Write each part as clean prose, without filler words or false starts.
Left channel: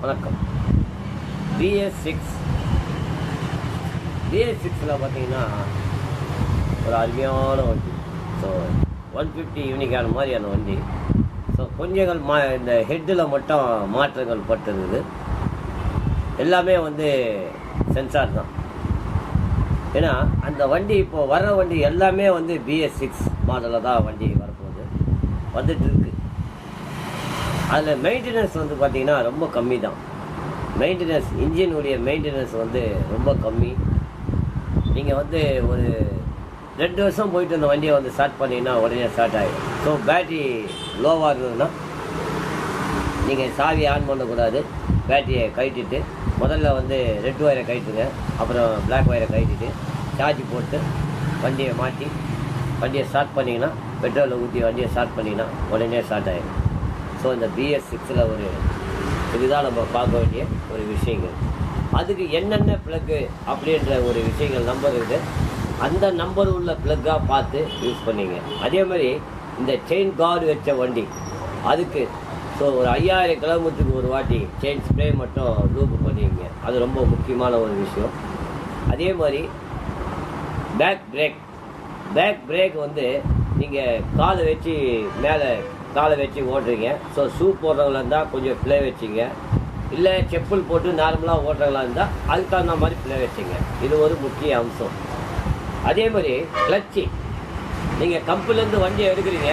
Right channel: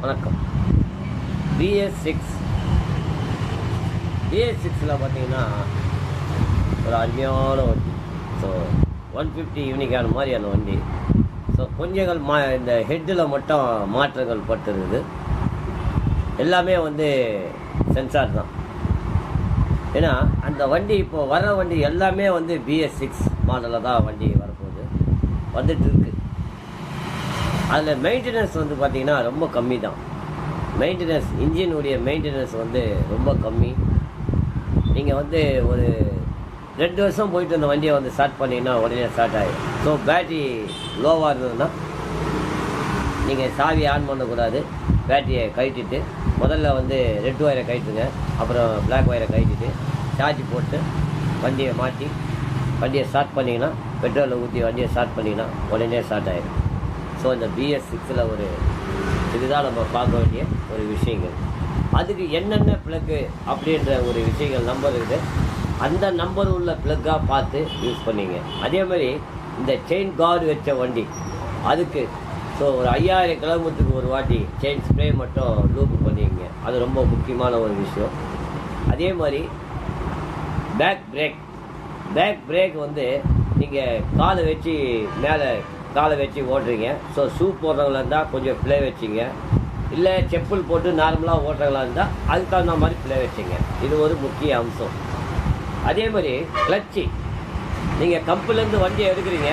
வணக்கம். BS6 BS6ல் பார்த்தீங்கன்னா ஒரு அருமையான வண்டி. ஸோ 150 யூனிக்கான மாதிரியான வண்டி. ஸோ கொஞ்சங்கள் இந்த ஹெட்டில் மட்டும் மாற்றங்கள் பட்டுருக்குது. எல்லாமே வந்து சென்சார் தான். ஏன்னா அந்த வண்டி இப்போ வர வண்டி எல்லாமே வந்து BS6 மாடலில் தான் வண்டி வரப்போகுது, வந்துட்டு இருக்கு. அதில் மெயின்டெனன்ஸ் வந்து பார்த்திங்கன்னா ரொம்ப கம்மி தான். மெயின்டெனன்ஸ், இன்ஜினுடைய மெயின்டெனன்ஸ் வந்து ரொம்ப கம்மி. நீங்கள் வந்து ஒரு 2 வருஷம் போயிட்டு அந்த வண்டியை வந்து ஸ்டார்ட் பண்ணிங்கன்னா உடனே ஸ்டார்ட் ஆகிடும். ஸோ பேட்ரி லோவாக இருந்ததுன்னா நீங்கள் சாவி ஆன் பண்ணக்கூடாது. பேட்டரியை கழட்டிட்டு முதல்ல வந்து ரெட் ஒயரை கழட்டுங்க, அப்புறம் பிளாக் ஒயரை கழட்டிட்டு சார்ஜ் போட்டு வண்டியை மாற்றி வண்டியை ஸ்டார்ட் பண்ணிங்கன்னா, பெட்ரோலை ஊற்றி வண்டியை ஸ்டார்ட் பண்ணிங்கன்னா உடனே ஸ்டார்ட் ஆகிடும். ஸோ இந்த BS6ல் ஒரு இதுதான் நம்ம பார்க்க வேண்டிய ஒரு விஷயங்கள். அதுக்கு என்னென்ன ப்ளக்கு அப்படின்ற ஒரு விஷயங்கள் நம்பர் இருக்குது. அந்த நம்பர் உள்ள ப்ளக்காக பார்த்து யூஸ் பண்ணிங்க. அதே மாதிரி இந்த செயின் கார்டு வச்ச வண்டி அதுக்கு ஸோ ஒரு 5000 கிலோமீட்டருக்கு ஒரு வாட்டி செயின் ஸ்ப்ரே மட்டும் லூப் பண்ணிங்க. அது ரொம்ப முக்கியமான ஒரு விஷயம். அதே மாதிரி பேக் பிரேக் வந்து நீங்கள் காலை வச்சு மேலே காலை வச்சு ஓட்டுறீங்க. ஸோ ஷூ போடுறவங்களா இருந்தால் கொஞ்சம் ப்ளே வச்சிங்க, இல்லை செப்பல் போட்டு நார்மலாக ஓட்டுறவங்களா இருந்தால் அதுக்கு தகுந்த மாதிரி ப்ளே வச்சிங்க. இது ஒரு முக்கிய அம்சம். அதே மாதிரி கிளச்சு, நீங்கள் கப்புலேருந்து வண்டியை எடுக்கிறீங்க.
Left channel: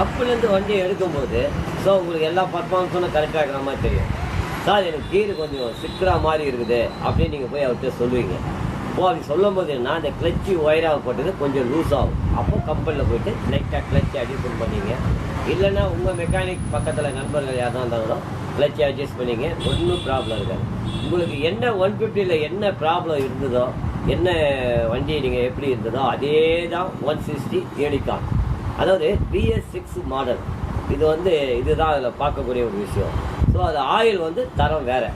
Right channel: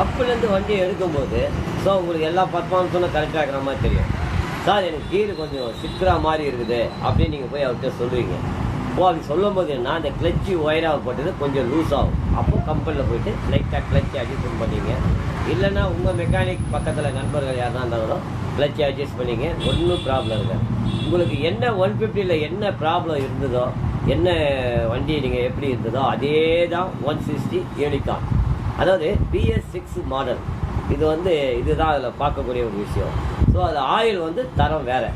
கப்புலேருந்து வண்டியை எடுக்கும்போது ஸோ உங்களுக்கு எல்லா பர்ஃபார்மன்ஸும் கரெக்டாக இருக்கிற மாதிரி தெரியும். சார் எனக்கு கீரு கொஞ்சம் சிக்கிற மாதிரி இருக்குது அப்படின்னு நீங்கள் போய் அவர்கிட்ட சொல்லுவீங்க. அப்படி சொல்லும் போது நான் அந்த கிளச்சு ஒயராக போட்டது கொஞ்சம் லூஸ் ஆகும். அப்போ கம்பெனியில் போயிட்டு லைட்டாக கிளச்சு அட்ஜஸ்ட் பண்ணிங்க. இல்லைன்னா உங்கள் மெக்கானிக் பக்கத்தில் நண்பர்கள் யாருனா இருந்தாலும் கிளச்சு அட்ஜஸ்ட் பண்ணிங்க. ஒன்றும் ப்ராப்ளம் இருக்காது. உங்களுக்கு என்ன 150ல் என்ன ப்ராப்ளம் இருந்ததோ, என்ன வண்டி நீங்கள் எப்படி இருந்ததோ அதே தான் 160 யூனிகான். அதாவது BS6 மாடல். இது வந்து இதுதான் அதில் பார்க்கக்கூடிய ஒரு விஷயம். ஸோ அது ஆயில் வந்து தரம் வேறு.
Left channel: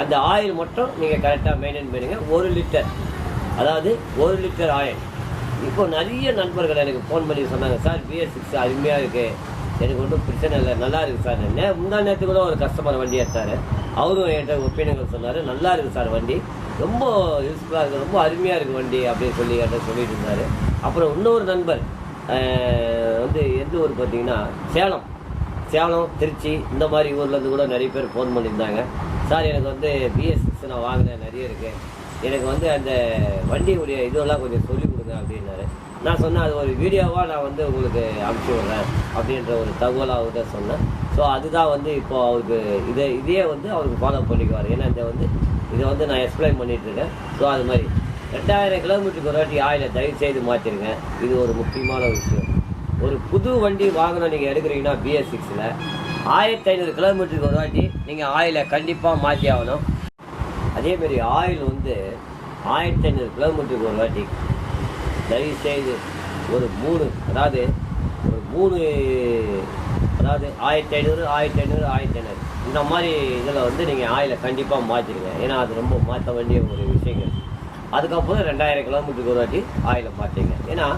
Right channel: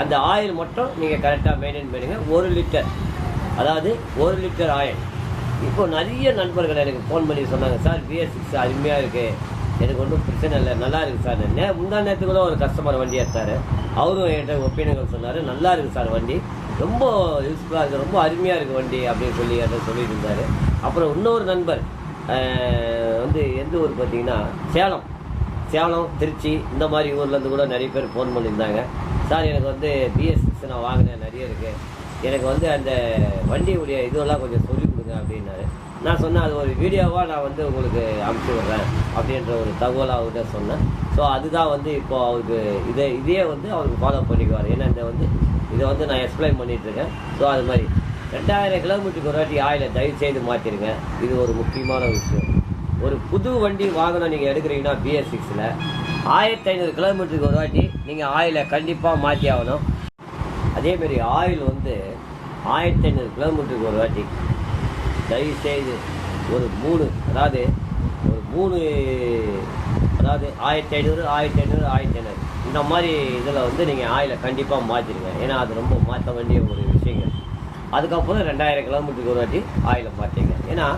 அந்த ஆயில் மட்டும் நீங்கள் கரெக்டாக மெயின்டைன் பண்ணுங்க. 1 லிட்டர், அதாவது 1 லிட்டர் ஆயில். இப்போ நிறைய நண்பர்கள் எனக்கு ஃபோன் பண்ணி சொன்னாங்க, சார் BS6 அருமையாக இருக்குது, எனக்கு ஒன்றும் பிரச்சனை இல்லை, நல்லா இருக்குது சார். முந்தா நேரத்துக்கு கூட ஒரு கஸ்டமர் வண்டி எடுத்தார். அவரும் என்கிட்ட ஒப்பீனியன் சொன்னார், நல்லா இருக்குது சார் வண்டி, ரொம்ப யூஸ்ஃபுல்லாக இருக்குது, ரொம்ப அருமையாக இருக்குது வண்டி அப்படின்னு சொல்லி என்கிட்ட சொல்லிட்டு இருந்தார். அப்புறம் இன்னொரு நண்பர் வந்து எந்த ஊர் பார்த்தீங்கன்னா சேலம், திருச்சி, இந்த மாதிரி ஊர்லேருந்து கூட நிறைய பேர் ஃபோன் பண்ணியிருந்தாங்க. சார் எனக்கு வந்து BS6 நான் வாங்கினேன், நிறைய இருக்குது, எனக்கு வந்து அந்த வண்டியுடைய இதெல்லாம் கொஞ்சம் சொல்லிக் கொடுங்க அப்படின்னாரு. நான் சொன்னேன், அது ஒரு வீடியோவாக நான் வந்து உங்களுக்கு அனுப்பிச்சி விட்றேன் அப்படின்ற ஒரு தகவல் அவர்கிட்ட சொன்னேன். ஸோ அதுதான் வந்து இப்போது அவருக்கு இதே வந்து அவருக்கு ஃபாலோ பண்ணிக்குவார். ஏன்னா இதை வந்து நான் எக்ஸ்பிளைன் பண்ணிகிட்ருக்கேன். ஸோ அது மாதிரி 2000 கிலோமீட்டருக்கு ஒரு வாட்டி ஆயிலை தயவு செய்து மாற்றிருங்க. இது ஒரு முக்கியமான விஷயம். ஒரு புது வண்டி வாங்கணும் நீங்கள் எடுக்கிறீங்கன்னா BS6ல் 1500 கிலோமீட்டருக்கு ஒரு வாட்டி நீங்கள் ஆயிலை கண்டிப்பாக மாற்றி ஆகணும். அதேமாரி ஆயில் வந்து 1500 கிலோமீட்டருக்கு ஒரு வாட்டி தயவு செய்து ஒரு 3 அதாவது 1500 இந்த மாதிரி இதில் வந்து நீங்கள் ஆயிலை கண்டிப்பாக மாற்றிடுங்க. ஏன்னா அது ரொம்ப மாற்ற வேண்டிய ஒரு விஷயங்கள். அதுக்கப்புறம் 2000 கிலோமீட்டருக்கு ஒரு வாட்டி ஆயிலை மாற்றிங்க. ஏன்னா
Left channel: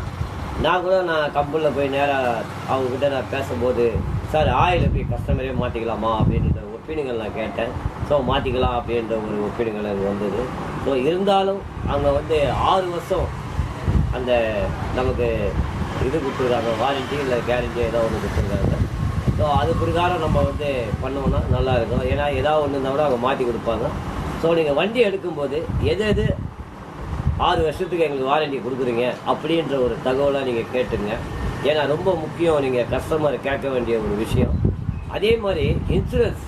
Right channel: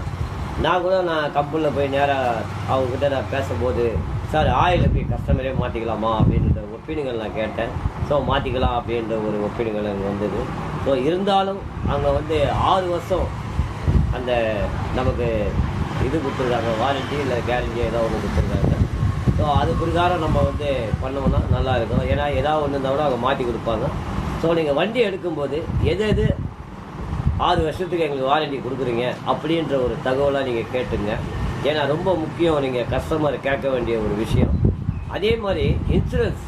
நான் கம்பெனியில் போய் நேராக அவங்கக்கிட்ட நான் பேசும்போது, சார் ஆயில் எப்படி கஸ்டமரே மாற்றிக்கலாமா அப்படின்ற ஒப்பீனியன் நான் கேட்டேன். ஸோ மாற்றிக்கலாம் அப்படின்ற ஒரு ஒப்பீனியன் எனக்கு வந்தது. ஸோ இருந்தாலும் அவங்க வந்து 6 வருஷம் அந்த நமக்கு இது கொடுத்துருக்காங்க, வாரண்ட்டி இல்லை கேரண்டி ஏதோ ஒன்று கொடுத்துருக்காங்க. ஸோ அது பிரகாரம் நம்ம வந்து பண்ணோம்னா நல்லா இருக்கும். ஏன்னா ஏதாவது ஒன்று இருந்தால் கூட அவங்க மாற்றி கொடுப்பாங்க. ஸோ நீங்கள் வண்டி எடுக்கும்போது எது 6 வருஷத்துக்கு எங்களுக்கு வாரண்டி கொடுக்குறீங்க அப்படின்ற ஒரு தகவலாக நீங்கள் கேட்டுங்க. ஏன்னா ரொம்ப முக்கியம், நீங்கள் கஸ்டமரை கேட்க வேண்டிய ஒரு விஷயம். அதே மாதிரி இன்சூரன்ஸ்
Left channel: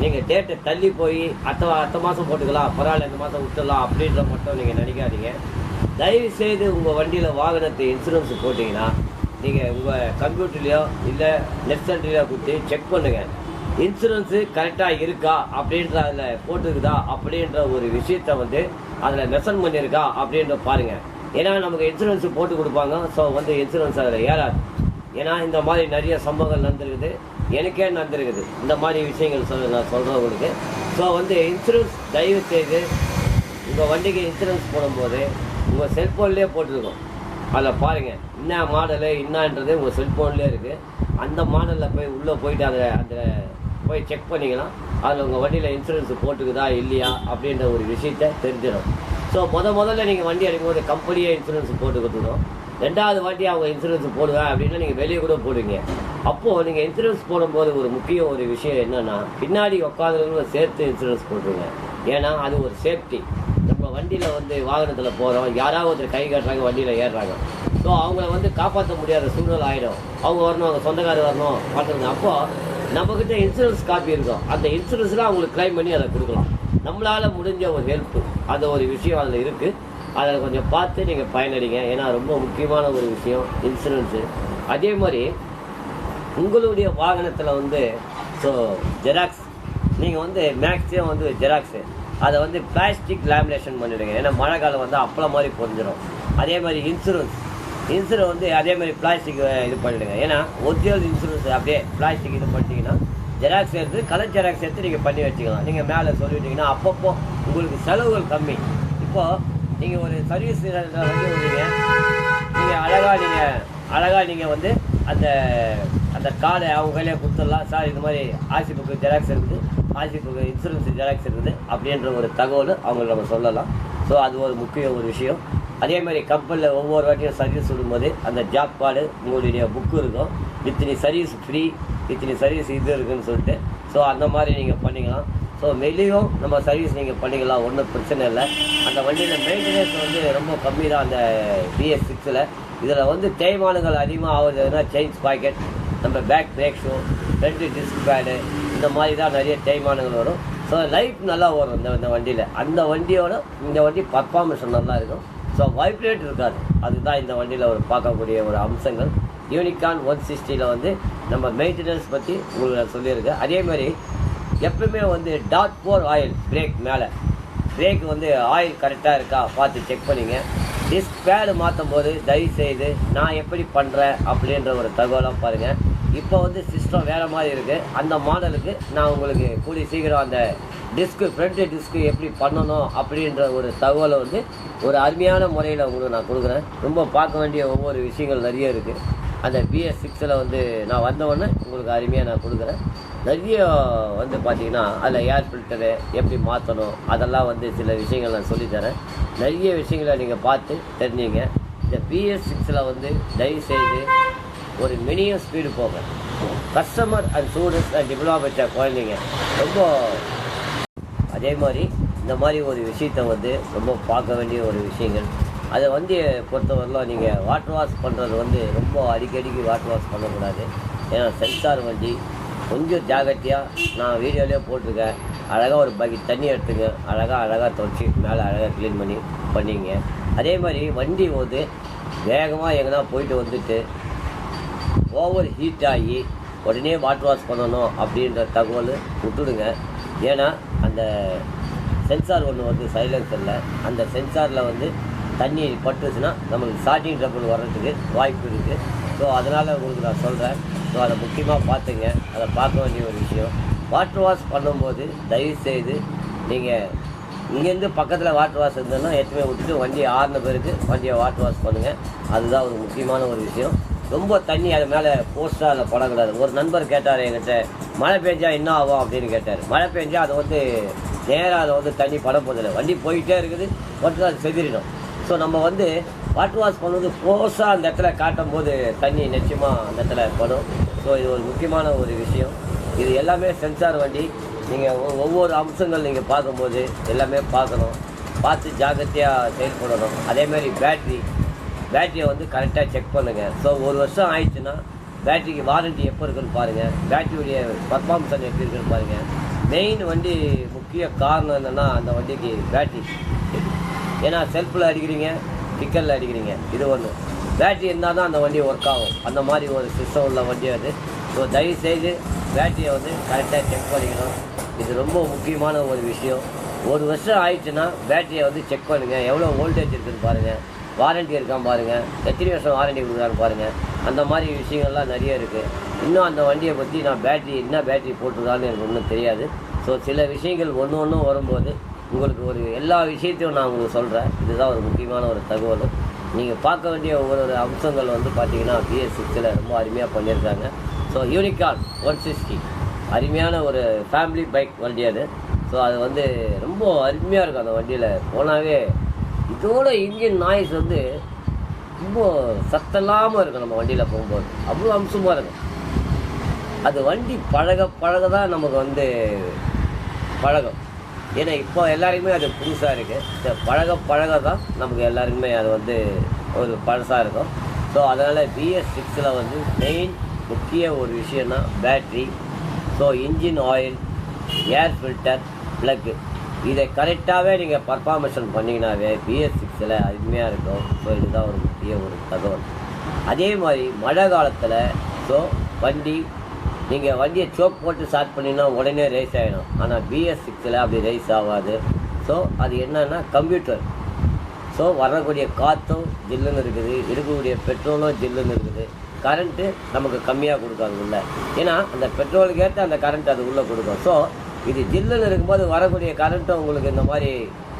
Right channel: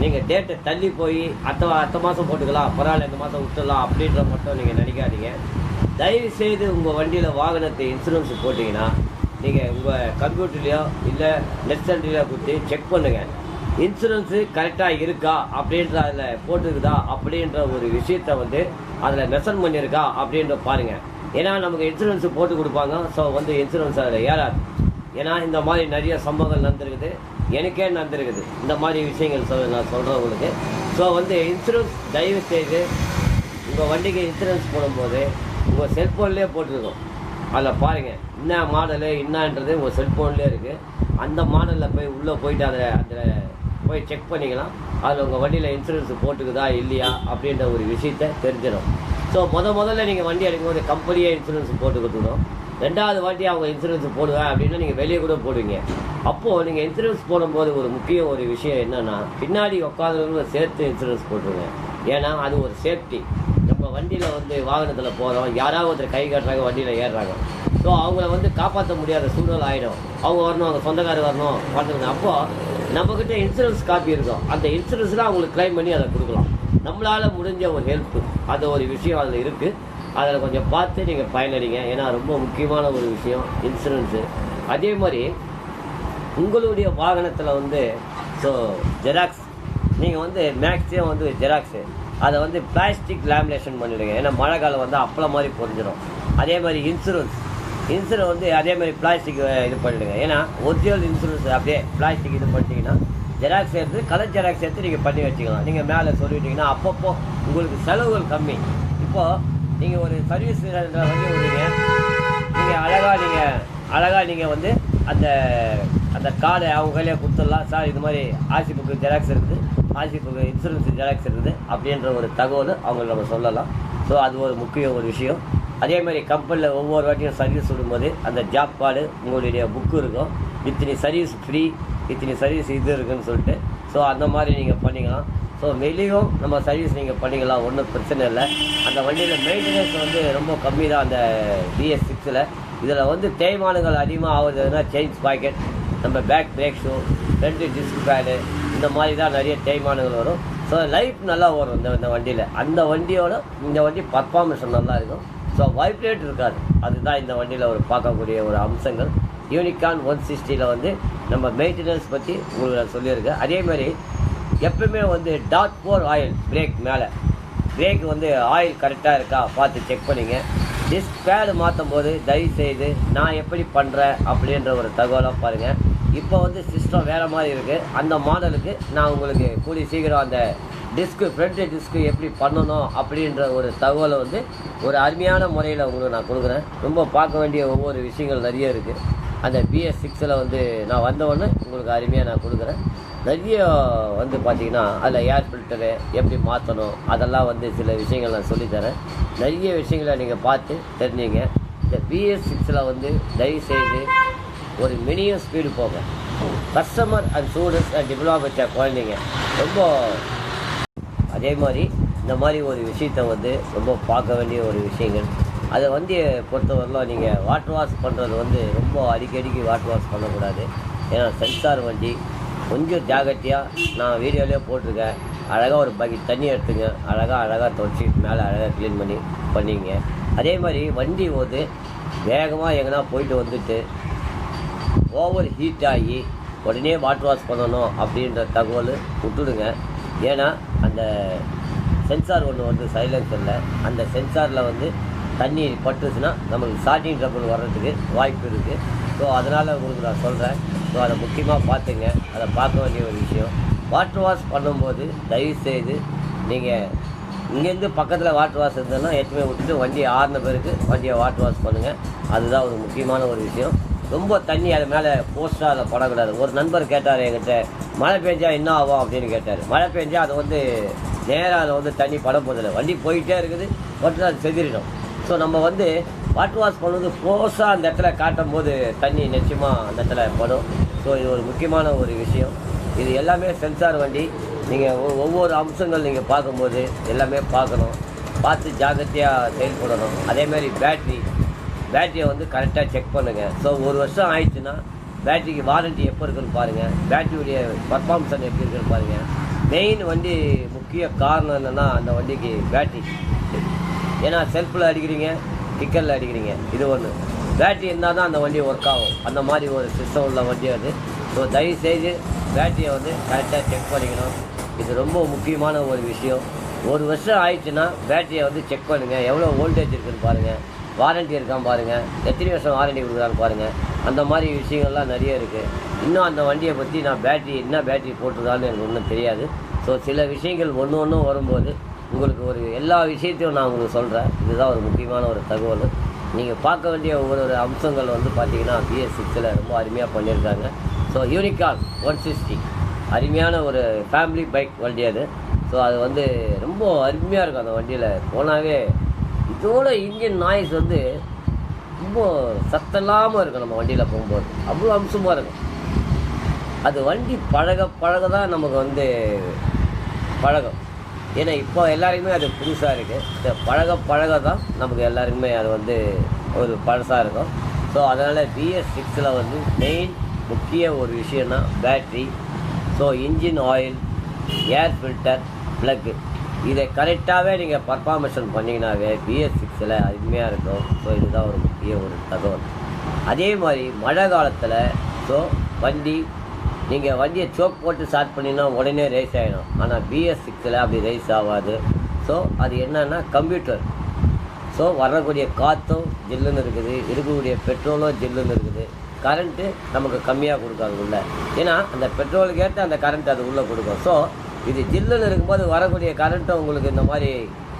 நீங்கள் டேட்டை தள்ளி போய் அடுத்த மாதம் போட்டுக்கலாம், பரவாயில்ல இந்த மாதம் விட்டுடலாம் அப்படின்ற மட்டும் நீங்கள் நினைக்காதீங்க. தயவு செய்து உங்கள் வண்டியில் வாகனத்தை இன்சூரன்ஸ் போட்டிங்கன்னா நீங்கள் உங்கள் கம்ப்யூட்டர்லையோ இல்லை நெட் சென்டர்லையோ கொடுத்து செக் பண்ணுங்கள், இன்சூரன்ஸு கரெக்டாக இருக்கா அப்படின்ற அதில் போட்டுருக்குதா அப்படின்ற ஒரு விஷயத்தை வந்து அதில் மெஷன் பண்ணியிருக்கா அப்படின்ற பாருங்கள். ஏன்னா நமக்கு இன்சூரன்ஸு போட்டு கொடுப்பாங்க. ஸோ வந்து இன்சூரன்ஸ் அதில் ஏறாது. ஏன்னா இந்த மாதிரி நிறைய சம்பவங்கள் நடந்திருக்குது, எனக்கே நடந்திருக்குது இந்த மாதிரி விஷயங்கள் நான் சொல்கிறேன் உங்களுக்கு. ஸோ வந்து இன்சூரன்ஸ் தயவு செய்து உங்கள் வண்டிக்கு இன்சூரன்ஸ் போடும்போது உங்கள் செல்ஃபோன்லேயே போட்டுருக்கோம். அதில் பாருங்கள் என்ன மாடலு என்னன்றது உங்கள் செல்ஃபோன்லேயே இருக்குது. அந்த மாடலில் போய் உள்ளே போயிட்டு அந்த போய் செக் பண்ணிக்கலாம். அதில் உங்கள் வண்டியில் இன்சூரன்ஸ் போட்டுக்குதா இல்லையா அப்படின்ற ஒரு விஷயத்த தெரிஞ்சிடும். ஸோ முதல்ல நீங்கள் வண்டி எடுக்கும்போது கம்பெனியே இன்சூரன்ஸ் போட்டு கொடுத்துடும். 2வது வாட்டி அவங்க இன்சூரன்ஸ் போடுவேன் அப்படின்னா நீங்கள் வெளியே கூட போடுவீங்க. அப்போது நீங்கள் இன்சூரன்ஸ் போடும்போது ஒரு முக்கிய ஒரு விஷயம் என்னென்னா, பின்னாடி உட்காந்துருவங்களும் சேர்த்து இன்சூரன்ஸ் போட்டுருங்க. ஏன்னா அது ஒரு சேஃப்டி. நம்ம வண்டியில் வந்து வாகனத்தில் போகிறோம், யாராவது ஒருத்தர் கை கட்டுறாங்க, வண்டியில் ஏறுறாங்க. ஸோ அவங்கள காப்பாற்ற முடியாத சூழல் ஆகிடும். அவங்க வரணும், அவங்க சொந்தக்காரர் வரணும் பார்த்துருங்க. அப்போது நம்மக்கிட்ட இன்சூரன்ஸ் காப்பி இருக்கும். அந்த இன்சூரன்ஸ்லாம் அவங்களுக்கு கிளைம் பண்ணி அதை கொடுக்கலாம். நம்மளால் முடிஞ்ச ஒரு ஹெல்ப்பு, அது ஒரு விஷயம் அதில் இருக்குது. அதில் கொஞ்சம் பார்த்து நீங்கள் பயனடைங்க. ஏன்னா ரொம்ப முக்கியமான ஒரு விஷயம் இன்சூரன்ஸு. அதே மாதிரி உங்களுடைய வாகனத்தில் ஸோ ஜெராக்ஸ் நீங்கள் மேக்ஸிமம் ஜெராக்ஸு அதை பிளாஸ்டிக் லேமினேஷன் பண்ணிவிடுங்க. ஏன்னா மழை காலம் அப்பளம் மாதிரி பொறிஞ்சிடும். அதே மாதிரி இன்சூரன்ஸ் அதே மாதிரி பிளாஸ்டிக் இது பண்ணிவிடுங்க. ஏன்னா ஒரிஜினல் இன்சூரன்ஸ் அப்படியே பிளாஸ்டிக் இது பண்ணிட்டீங்கன்னா ஜெராக்ஸ் எடுத்து கலர் ஜெராக்ஸ் எடுத்து நீங்கள் பண்ணி வச்சுக்கலாம். நீங்கள் மேலே சொல்லிவிட்டீங்கன்னா அப்பப்போ உங்களுக்கு செலவுகள் கம்மி. இப்போது நீங்கள் ஒரு சர்வீஸ் வண்டி விடுறீங்க, நீங்கள் அழகாக நீங்கள் அந்த அந்த கார்டை அவங்க கையிலே கொடுத்துடலாம். சார் இது மாதிரி ஆர்சி புக்கு ஜெராக்ஸ் இருக்குது, ஆர்சி புக்கு இன்சூரன்ஸ் ஜெராக்ஸ் இருக்குது அப்படின்ற ஒரு தகவல் அவங்களுக்கு நம்ம சொல்லலாம். ஸோ அது ஒரு முக்கிய ஒரு விஷயம். அதே மாதிரி கம்பெனியில் ஒவ்வொரு வாட்டியும் சர்வீஸ் விடும்போது அந்த ஜாப் கார்டு உங்களுடைய புக்கு இருக்கும். இத்தனை சர்வீஸ் ஃப்ரீ, இத்தனை சர்வீஸ் இது இருக்குதுன்னு சொல்லிட்டு. ஸோ அந்த மாதிரி நீங்கள் பண்ணிக்கலாம். ஸோ வெளியும் நம்ம சர்வீஸ் நீங்கள் பண்ணிக்கலாம், ஒன்றும் பிரச்சனை இல்லை. அந்த வண்டியில் மெயின்டெனன்ஸ் ரொம்ப கம்மி தான் அந்த BS6. இதில் தேய்மானங்கள் அதிகமாக ஆகுதுன்னா செயின்ஸ் பாக்கெட், நம்ம back brake shoe, front disc pad, இந்த மாதிரி தான் நிறைய தேய்மானங்கள் வரும். ஸோ லைஃப் நல்லா வரும் இந்த வண்டியில். அந்த வண்டியோட இந்த வண்டி பர்ஃபார்மன்ஸ் நல்லா இருக்கும். ஸோ வைப்ரேட் இருக்காது. அதுதான் இந்த வண்டியில் ஒரு பார்க்கக்கூடிய ஒரு அம்சங்கள். யூனிகான் 160 நம்ம மெயின்டெனன்ஸ் பற்றி உங்களுக்கு நான் சொல்லியிருக்கேன். அதே மாதிரி எப்பவுமே .4 ஆயில் பிரேக் மேலே பிரேக் ஆயில் கரெக்டாக இருக்கா பார்த்து செக் பண்ணிங்க. டிஸ்க் பேடு மாற்றும் போது தயவுசெய்து நான் எப்படி பண்ணுறேன் அப்படின்ற ஒரு தகவலாக பாருங்கள். இப்போ சிஸ்டம் வேறு மாதிரி இருக்குது. அந்த மாடலுக்கு நான் உங்களுக்கு கூடி சீக்கிரம் அந்த டிஸ்க்கு ஃப்ரண்ட் டிஸ்க்கு எப்படி பண்ணணும் அப்படின்ற ஒரு தகவலை ஒரு அருமையான முறையில் உங்களுக்கு நான் கொடுக்குறேன். ரொம்ப பார்க்க வேண்டிய ஒவ்வொரு விஷயங்கள் நிறைய இருக்குது. அந்த BS6 நான் வந்தவொடனே உங்களுக்கு அருமையாக நான் கொடுக்குறேன். நிறைய பார்த்தீங்கன்னா அதில் ஏர் ஃபில்டரு எப்படி மாற்றணும் அதெல்லாம் சில விஷயங்கள் நான் சொல்லித்தரேன். நிறைய விஷயங்களை நீங்கள் பார்த்து தெரிஞ்சிங்க. இந்த BS6 தயவுசெய்து ஒரு மினிமம் ஸ்பீடு போங்க. Customer and students and diploma வச்ச குழந்தைங்க ரொம்ப அதே மாதிரி இந்த மாதிரி ஒரு விஷயத்தை ரொம்ப பார்க்க வேண்டிய ஒரு விஷயங்கள். அதை பொறுத்தவரையிலும் நீங்கள் வாட்டர் வாஷ் பண்ணுறது ரொம்ப அடிக்கடிக்கு வாட்டர் வாஷ் பண்ணக்கூடாது. ஏன்னா சென்சார் வண்டி கொஞ்சம் ஜாகிரதையாக நான் வீடியோலேயே போட்டிருக்கேன். அழகாக ஒரு பக்கெட் தண்ணி எடுத்துங்க, அழகாக துவைச்சி மேலே அழகாக க்ளீன் பண்ணிங்க. அதே மாதிரி வண்டி வேகமாக எங்கன்னா போயிட்டு ஓவர் ஹீட் ஆகி உடனே வாட்டர் வாஷ் பண்ணணும் அப்படின்ற தகவல் விட்டுடுங்க. ஏன்னா அந்த சென்சார் ஒன்று சைலன்சரில் அந்த சென்சாரில் தண்ணி பட்டுச்சுன்னா நம்மளுக்கு ஸ்டார்டிங் ட்ரபிள் வர்றதுக்கு வாய்ப்பு இருக்குது. ஸோ அதனால் உங்களுக்கு நான் சொல்கிறேன். ஸோ அதை முக்கியமாக பார்த்துங்க. அதை பார்க்க வேண்டிய ஒரு விஷயம். வாட்டர் வாஷ் பண்ணும்போது தயவுசெய்து நீங்கள் இங்கேருந்து பக்கத்தில் வாட்டர் வாஷ் இருந்ததுன்னா எத்தனை விட்டுட்டு வண்டி ஆறின பிறகு வண்டியை வாட்டர் வாஷ் பண்ணுங்கள். அதுதான் ஒரு முக்கியமான ஒரு விஷயம். ரொம்ப தண்ணி அது மேலே போஸ்ட்டாக அதில் படக்கூடாது. ஒரு நண்பர் கேட்டார் என்கிட்ட, மழை பெஞ்சா என்ன ஆகும் அப்படின்னு கேட்டார். மழை பெஞ்சா அது நேராக அதில் தண்ணி பட போதில்லை, வண்டி போயிட்டே இருக்குது, மட்டும் அது செதிரிடும். ஸோ நம்ம வாட்டர் வாஷ் பண்ணுறது போஸ்ட்டாக அந்த இடத்துல காட்டும் போது தண்ணி நிச்சயமாக அந்த இடத்துல படும். ஸோ இது ஒரு முக்கியமான ஒரு விஷயம். இது எல்லாமே சென்சார் வண்டி. நீங்கள் ஒவ்வொரு அம்சங்கள் நீங்கள் பார்க்கும்போது எல்லாமே பார்க்கணும், பார்த்து ஜாக்கிரதையாக செயல்படணும். அதேமாதிரி பேட்டரியை கரெக்டாக செக் பண்ணுங்கள். ஸோ ஒரு வருஷம் ஆயிடுச்சுன்னா பேட்டரிக்கு வாரண்ட்டி எப்போ இருக்குன்னு பாருங்கள், பேட்டரியுடைய பர்ஃபார்மன்ஸ் எப்படி இருக்குன்னு பாருங்கள். மெயின் வண்டி முக்கிய காரணம் என்னென்னா அந்த வண்டிக்கு பேட்டரி. ஏன்னா செல்ஃபில் அடிக்கிறீங்க, கிக்கரில் அடிக்கிறீங்க, இது ஒன்று. பேட்டரி இருந்தால் தான் அந்த வண்டி ஒர்க் ஆகும். அந்த மாதிரி ஒரு சிஸ்டம் உள்ள வண்டி அது. ஸோ தயவுசெய்து பேட்டரியை கரெக்டாக செக் பண்ணிக்கணும். இது ரொம்ப முக்கியமான ஒரு விஷயம். ஒரு வருஷம் ஆயிடுச்சுன்னா பேட்டரியை செக் பண்ணுங்கள், எவ்வளோ வோல்டேஜ் இருக்குதுன்னு பாருங்கள், வாரண்ட்டி இருக்கான்னு பாருங்கள், எத்தனை வருஷம் வாரண்ட்டி கொடுக்குறான்னு பாருங்கள். அந்த மாதிரி விஷயங்கள்லாம் நிறைய இருக்குது. இன்னும் அந்த வண்டியை பற்றி நான் என்ன பேட்டரி போட்டிருக்கான்னு எனக்கு ஒன்றும் தெரியாது. ஸோ சில விஷயங்கள் ஒன்று வரும்போது உங்களுக்கு எல்லா விஷயத்தையும் நான் உங்களுக்கு சொல்கிறேன். இதுதான் ஒரு முக்கியமான ஒரு தகவல். நீங்கள் பார்க்க வேண்டிய ஒவ்வொரு அம்சங்கள் பார்த்தீங்கன்னா BS6 ரொம்ப அருமையாக பண்ணியிருக்காங்க. ஸோ யூனிகான் 160 அருமையான ஒரு ஃபேமிலி பைக் வண்டி அது. ஸோ அது வந்து ரொம்ப அருமையாக இருக்கும் அந்த வண்டியில் போனாவே. இதோட இன்ஜின் நாய்ஸ் வந்து ரொம்ப சத்தமில்லாமல் இருக்கும் நம்ம வண்டியில் போகும்போது, அவ்வளோ அம்சமாக இருக்கும். அது வண்டி பழக தான் நமக்கு வந்து பழகும். ஏன்னா இப்போ எல்லாருக்குமே அது புதுசாக இருக்குது. இந்த பழக தான் நமக்கு எல்லாருக்குமே அது வந்து ஒரு பழசாக இருக்கும். ஸோ அதனால் BS6 வந்து மெயின் முக்கிய ஒரு விஷயம்னா battery, so engine oil, air filter, plug, இதை கரெக்டாகவே நீங்கள் பர்ஃபார்மேஷன் பண்ணிங்கனாவே BS6 அருமையாக இருக்கும். ஸோ இதுதான் ஒரு முக்கிய ஒரு தகவல். அதே மாதிரி மழை காலத்தில் ஸோ வண்டி நீங்கள் வண்டியை சோக் போட்டு ஸ்டார்ட் பண்ணிங்கன்னா உடனே ரேஸ் ஆகிடும். ஆனால் BS6 அப்படி ரேஸ் ஆகாது. ஸோ அது என்னன்னா கம்ப்யூட்டர். ஸோ வரக்கூடிய காற்றும் ஜில்லுன்னு இருக்குது, இருக்கக்கூடிய பெட்ரோலும் ஜில்லுன்னு இருக்குது. கரண்ட்டு நமக்கு கம்மியாக கொடுக்காது உள்ளே, ஏன்னா அந்த பெட்ரோலுக்கு ஏற்ற அந்த கரண்ட் அது உள்ளே கொடுக்கும். ஸோ இது ஜில்லுன்னு இருக்கும்போது வரக்கூடிய கரண்ட்டும் உங்களுக்கு இந்த மாதிரி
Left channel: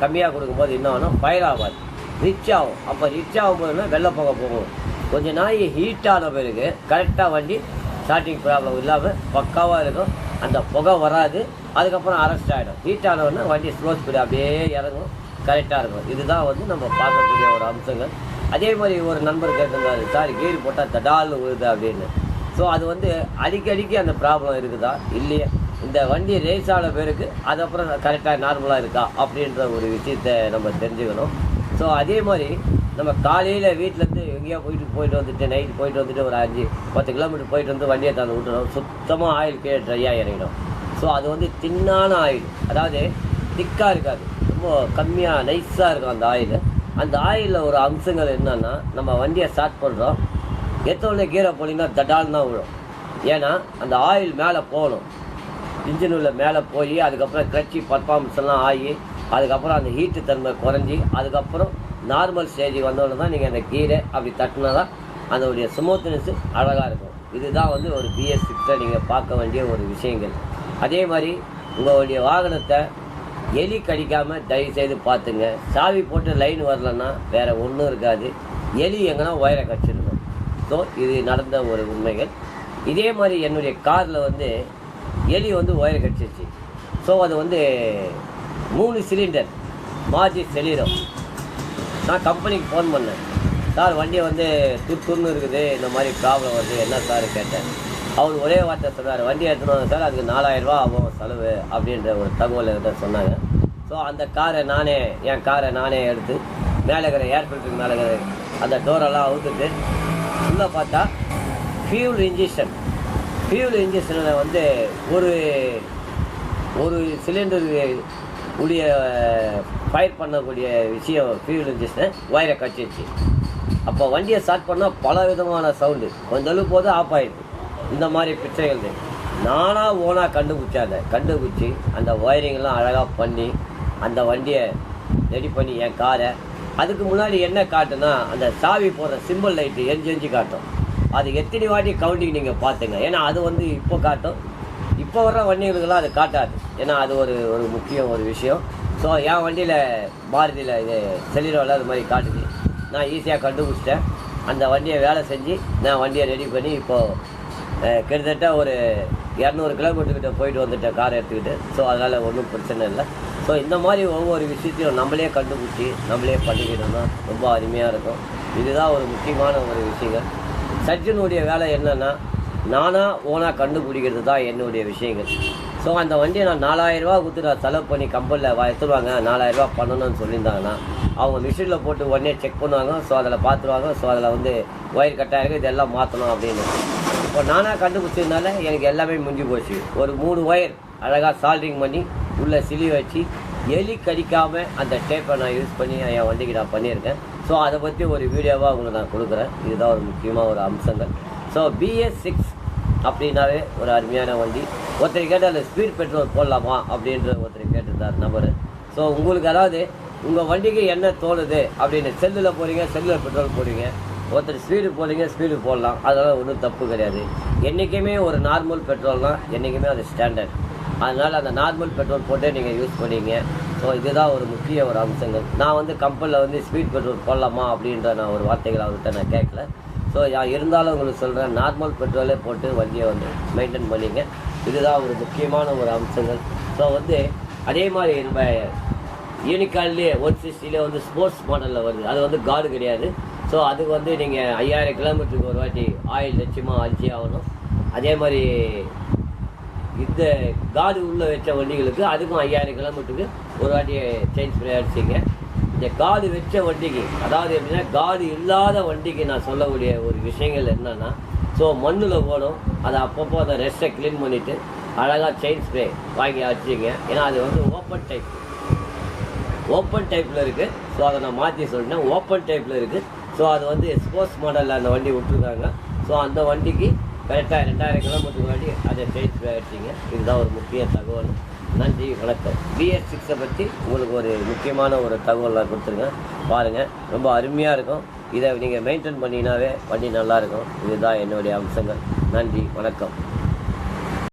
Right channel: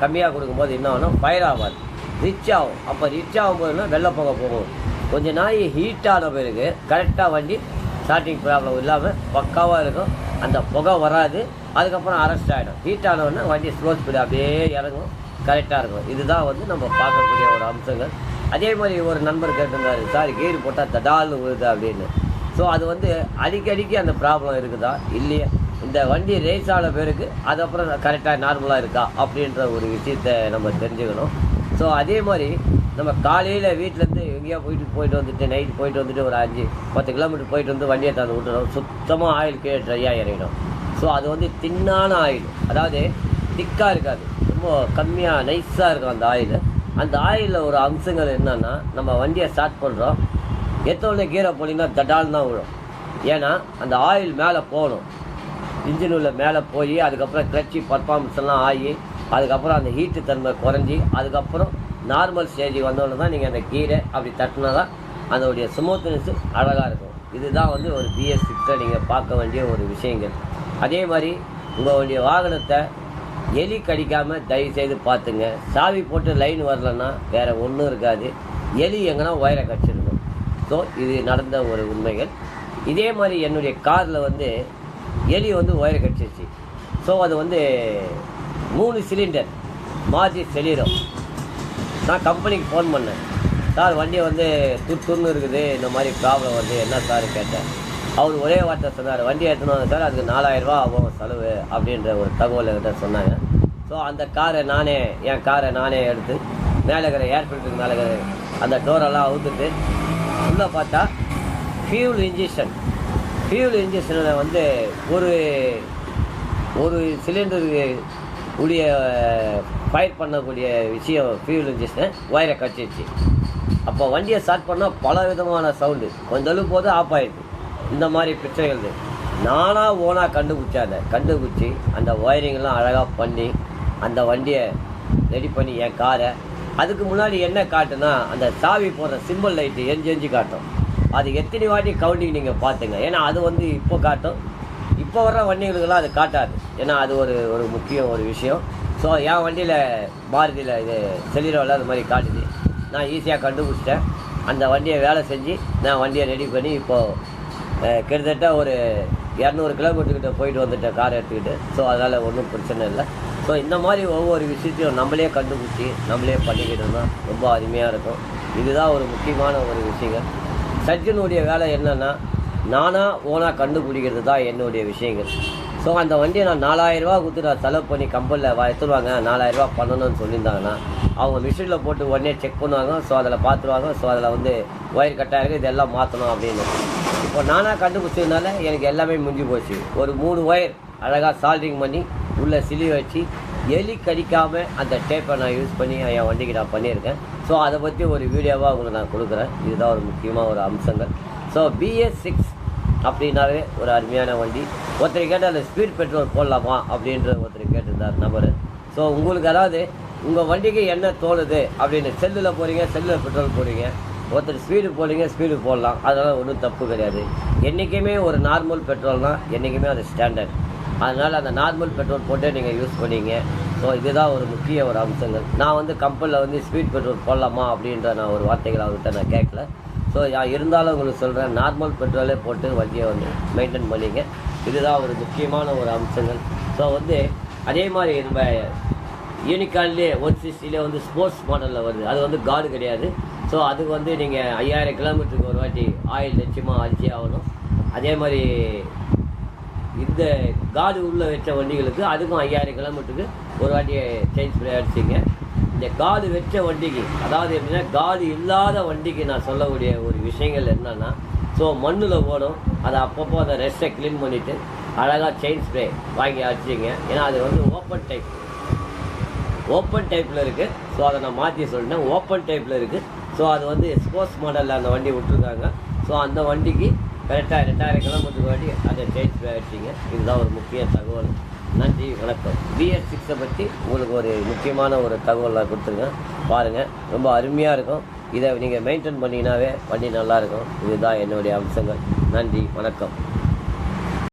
கம்மியாக கொடுக்கும்போது என்ன ஆகும், ஃபயர் ஆகாது, ரிச் ஆகும். அப்போ ரிச் ஆகும்போதுன்னா வெள்ளை புகை போகும். கொஞ்சம் நாய் ஹீட் ஆன பிறகு கரெக்டாக வண்டி ஸ்டார்டிங் ப்ராப்ளம் இல்லாமல் பக்காவாக இருக்கும். அந்த புகை வராது, அதுக்கப்புறம் அரெஸ்ட் ஆகிடும். ஹீட் ஆனவுடனே வண்டி ஸ்லோ ஸ்பீடு அப்படியே இறங்கும், கரெக்டாக இருக்கும். இதுதான் வந்து நம்ம பார்க்கக்கூடிய ஒரு அம்சங்கள். அதே மாதிரி ஒரு நண்பர் கேட்டிருந்தாரு, சார் கீர் போட்டால் தடால்னு விழுது அப்படின்னு. ஸோ அது வந்து அடிக்கடிக்கு அந்த ப்ராப்ளம் இருக்குதா இல்லையா, இந்த வண்டி ரேஸ் ஆன பேருக்கு அதுக்கப்புறம் கரெக்டாக நார்மலாக இருக்கா அப்படின்ற ஒரு விஷயத்தை நம்ம தெரிஞ்சுக்கணும். ஸோ அதே மாதிரி நம்ம காலையில் வீட்டிலேருந்து எங்கேயோ போயிட்டு வந்துட்டு நைட்டு போயிட்டு வந்துட்டு ஒரு 5-10 கிலோமீட்டர் போயிட்டு வந்து வண்டியை தந்து விட்டுறோம், சுத்தமாக ஆயில் கீழே ட்ரையாக இறங்கிடும். ஸோ அது வந்து தின்னான ஆயில், அதாவது திக்காக இருக்காது, ரொம்ப கம்மியாக நைஸாக இருக்கும் அந்த ஆயில். அந்த ஆயிலில் ஒரு அம்சங்கள் என்னன்னா, நம்ம வண்டியை ஸ்டார்ட் பண்ணுறோம், எத்தனை கீரை போனீங்கன்னா தடால் தான் விழும். ஏன்னா அந்த ஆயில் மேலே போகணும், இன்ஜின் உள்ள மேலே போய் அதுக்கப்புறம் கிளச்சி பர்ஃபார்மன்ஸ் எல்லாம் ஆகி அதுக்கப்புறம் அந்த ஹீட்டு தன்மை குறைஞ்சி அதுக்கப்புறம் நார்மல் ஸ்டேஜுக்கு வந்தோடனே தான் நீங்கள் அந்த கீரை அப்படி தட்டினா தான் அதோடைய ஸ்மூத்னஸ் அழகாக இருக்கும். இதுதான் வந்து ஒரு BS6 நீங்கள் பார்க்க வேண்டிய ஒரு விஷயங்கள். அதே மாதிரி உங்களுடைய வாகனத்தை எலி கடிக்காமல் தயவுசெய்து பார்த்துங்க. சாவி போட்டு லைன் வரலன்னா வேறு ஒன்றும் இருக்காது, எலி எங்கன்னா ஒயரை கடிச்சிருக்கும். ஸோ இது நடந்த ஒரு உண்மைகள். இதே மாதிரி என்னுடைய காரில் வந்து எலி வந்து ஒயரை கடிச்சிருச்சு. ஸோ அது வந்து 3 சிலிண்டர் மாற்றி செலிடும். நான் கம்பெனிக்கு ஃபோன் பண்ணேன், சார் வண்டியை வந்து துருன்னு இருக்குது, இந்த மாதிரி ப்ராப்ளம் வருது, என்ன சார் கேட்டேன். அவர் ஒரே வார்த்தை சொன்னார், வண்டி எடுத்துன்னு வாங்க சார், அதுக்கு 4000 ரூபா ஆகும் செலவு அப்படின்ற ஒரு தகவல் என்கிட்ட சொன்னாங்க. ஸோ அந்த என் காரை நானே எடுத்து மேலே இருக்கிற ஏர் ஃபில்டருக்கு மேலே இருக்கிற அந்த டோரெல்லாம் அவுத்துட்டு உள்ளே பார்த்தா ஃபியூல் இன்ஜெக்ஷனில் வந்து ஒரு சிலிண்டருக்கு உடைய ஃபயர் பண்ணக்கூடிய விஷயம் ஃபியூல் இன்ஜெக்ஷன் ஒயரை கட்டிடுச்சு. அப்போ வண்டியை ஸ்டார்ட் பண்ணால் பல விதமான சவுண்டு, கொஞ்சம் அளவு போது ஆஃப் ஆகிடுது. இந்த மாதிரி பிரச்சனைகள் நானாக ஓனாக கண்டுபிடிச்சி அந்த ஒயரிங்கெல்லாம் அழகாக பண்ணி அந்த வண்டியை ரெடி பண்ணி என் காரை. அதுக்கு முன்னாடி என்ன காட்டுனா, அந்த சாவி போடுற சிம்பிள் லைட்டு எரிஞ்சு காட்டும். அது எத்தனை வாட்டி கவுண்டிங் நீங்கள் பார்த்துங்க, ஏன்னா அது வந்து இப்போ காட்டும், இப்போ வர்ற வண்டிகளுக்கெல்லாம் அது காட்டாது. ஏன்னா அது ஒரு முக்கியம் ஒரு விஷயம். ஸோ என் வண்டியில் மாருதியில் இது செலிரோவில் அது மாதிரி காட்டுச்சு. நான் ஈஸியாக கண்டுபிடிச்சிட்டேன். அந்த வண்டியை வேலை செஞ்சு நான் வண்டியை ரெடி பண்ணி இப்போது கிட்டத்தட்ட ஒரு 200 கிலோமீட்டர்கிட்ட போயிட்டு வந்துட்டேன் காரை எடுத்துக்கிட்டு. ஸோ அதனால் ஒன்றும் பிரச்சனை இல்லை. ஸோ இந்த மாதிரி ஒவ்வொரு விஷயத்தையும் நம்மளே கண்டுபிடிச்சி நம்மளே பண்ணிக்கிட்டோம்னா ரொம்ப அருமையாக இருக்கும். இதுதான் ஒரு முக்கியமான ஒரு விஷயங்கள். சர்ஜனுடைய வேலை என்னென்னா, ஓனாக கண்டுபிடிக்கிறது தான் என்னுடைய விஷயங்கள். ஸோ அந்த வண்டியை நான் 4000 ரூபா கொடுத்து நான் செலவு பண்ணி கம்பெனியில் எடுத்துருவாங்க, 4000 ரூபா பண்ணணும்னு சொல்லியிருந்தாங்கன்னா அவங்க மிஷினில் போட்டு உடனே செக் பண்ணுவாங்க. ஸோ அதில் பார்த்துருவாங்க, ஸோ அதில் வந்து ஒயர் கட்டாக இருக்குது, இதெல்லாம் மாற்றணும் அப்படின்னு. இப்போ நானாக கண்டுபிடிச்சதுனால எனக்கு எல்லாமே முடிஞ்சு போச்சு. ஒரு 3 ஒயர் அழகாக சால்ட்ரிங் பண்ணி உள்ளே சிலி வச்சு எலி கடிக்காமல் அந்த டேப்பை நான் யூஸ் பண்ணி என் வண்டிக்கு நான் பண்ணியிருக்கேன். ஸோ அதை பற்றி ஒரு வீடியோவாக உங்களுக்கு நான் கொடுக்குறேன். இதுதான் ஒரு முக்கியமாக ஒரு அம்சங்கள். ஸோ BS6 அப்படின்னாவே ஒரு அருமையான வண்டி. ஒருத்தர் கேட்டால் அதில் ஸ்பீட் பெட்ரோல் போடலாமா அப்படின்ற ஒருத்தர் கேட்டிருந்தார் நபர். ஸோ உங்களுக்கு அதாவது உங்கள் வண்டிக்கு என்ன தோணுது அப்படின்னு, செல்லில் போகிறீங்க, செல்லில் பெட்ரோல் போடுறீங்க, ஒருத்தர் ஸ்பீடு போடுறீங்க, ஸ்பீடு போடலாம், அதனால் ஒன்றும் தப்பு கிடையாது. என்றைக்குமே ஒரு நார்மல் பெட்ரோல்னால் என்றைக்குமே அது ஸ்டாண்டர்ட். அதனால் அந்த நார்மல் பெட்ரோல் போட்டு நீங்கள் யூஸ் பண்ணிங்க. ஸோ இதுதான் ஒரு முக்கிய ஒரு அம்சங்கள். நான் வந்து கம்பெனியில் வந்து ஸ்பீட் பெட்ரோல் போடலாமா அப்படின்ற நான் ஒரு வார்த்தைகள் அவர்கிட்ட நான் கேட்கல. ஸோ இருந்தாலும் உங்களுக்கு சொல்கிறேன், நார்மல் பெட்ரோலே போட்டு வண்டியை வந்து மெயின்டைன் பண்ணிங்க. இதுதான் ஒரு முக்கியமான ஒரு அம்சங்கள். ஸோ வந்து அதே மாதிரி நம்ம யூனிகார்ன்லேயே 160 வந்து ஸ்போர்ட்ஸ் மாடலில் வருது. அது வந்து கார்டு கிடையாது. ஸோ அதுக்கு வந்து நீங்கள் 5000 கிலோமீட்டருக்கு ஒரு வாட்டி ஆயில் நிச்சயமாக அடிச்சே ஆகணும். அதே மாதிரி இந்த கார்டு உள்ள வச்ச வண்டிகளுக்கு அதுக்கும் 5000 கிலோமீட்டருக்கு ஒரு வாட்டி சேஞ்ச் பண்ணி அடிச்சிங்க. இந்த கார்டு வச்ச வண்டிக்கு, அதாவது எப்படின்னா கார்டு இல்லாத வண்டிக்கு நான் சொல்லக்கூடிய ஒரு விஷயங்கள் என்னன்னா, ஸோ மண்ணில் ஓடும், அதை அப்பப்போ அந்த ரெஸ்ட்டை க்ளீன் பண்ணிவிட்டு அழகாக செயின் ஸ்ப்ரே வாங்கி அடிச்சிங்க. ஏன்னா அது வந்து ஓப்பன் டைப்பில் இருக்குது. ஸோ அதை நான் மாற்றி சொல்லிட்டேன், ஓப்பன் டைப்பில் இருக்குது. ஸோ அது வந்து ஸ்போர்ட்ஸ் மாடலில் அந்த வண்டி விட்டுருக்காங்க. ஸோ அந்த வண்டிக்கு கரெக்டாக 2000 கிலோமீட்டருக்கு வாட்டி அதை செயின் ஸ்ப்ரே அடிச்சிங்க. இதுதான் ஒரு முக்கிய தகவல். நன்றி, வணக்கம். BS6 பற்றி உங்களுக்கு ஒரு முக்கியமான ஒரு தகவலாக கொடுத்துருக்கேன், பாருங்கள். ரொம்ப அருமையாக இருக்கும். இதை நீங்கள் மெயின்டைன் பண்ணிங்கனாவே வண்டி நல்லாயிருக்கும். இதுதான் என்னுடைய அம்சங்கள். நன்றி, வணக்கம்.